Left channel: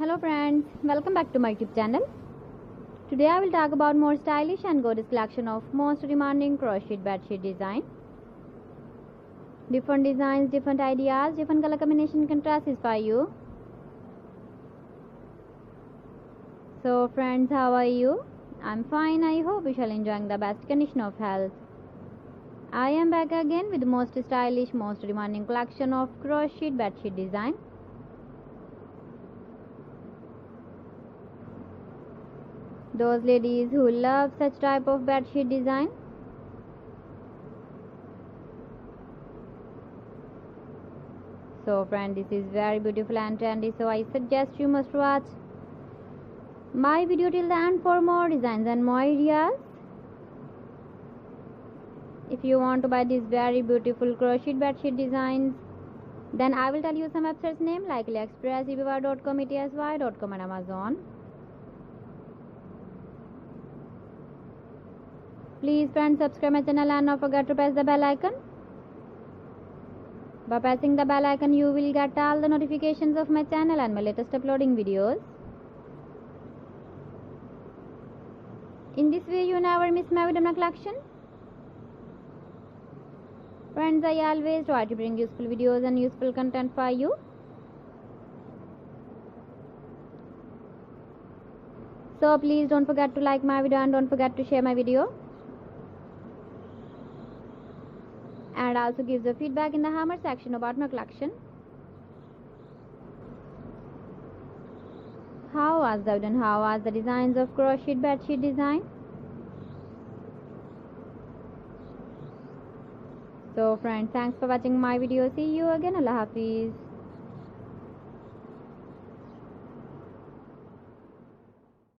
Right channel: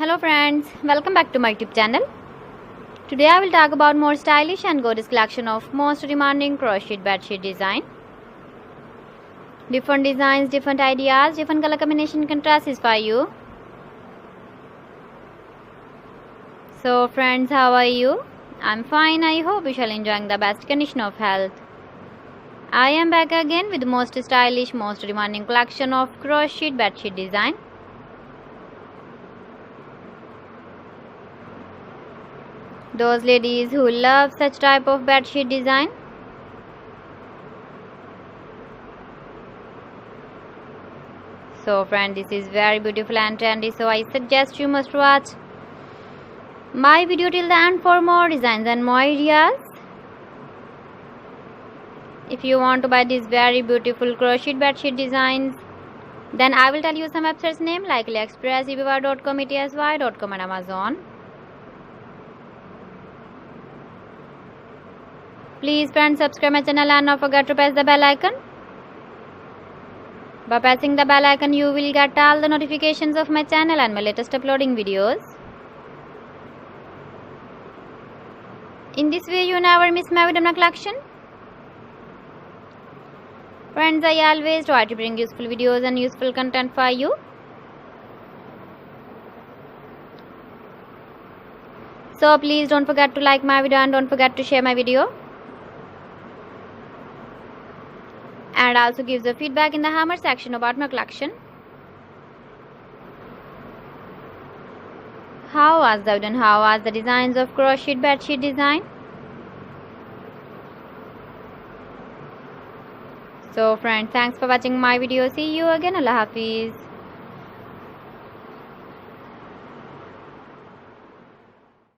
Hello friends, welcome back to my YouTube channel. Today I will talk about more stylish and gorgeous collection of most demanding crochet bedsheet design. Different designs, different ideas, different color combination can satisfy you. So friends, how are you? I'm fine. I hope you shall enjoying the best condition of health. I am back again with the most stylish, most demanding collection of crochet bedsheet design. Those ladies who love such type of bedsheet design. So friend, this is very beautiful and trendy, so I suggest you must watch my video till the end for more designs and more ideas. If you want to buy these very beautiful crochet bedsheet designs, then I will tell you some websites name like AliExpress, eBay.com, ETSY.com and Amazon. Please friends, subscribe my channel and not forget to press the bell icon. By pressing the bell icon, you will get all the notifications of my channel and my latest uploading videos. In this way, you never miss my video collection. Friends, I always try to bring useful videos and useful content for you. So please don't forget to like my video and don't forget to share my video. And also give the feedback in the hammer section about my collection. How was the video and how was the designs of crochet bedsheet design? So friends, thanks for watching my video. See you again. Allah Hafiz.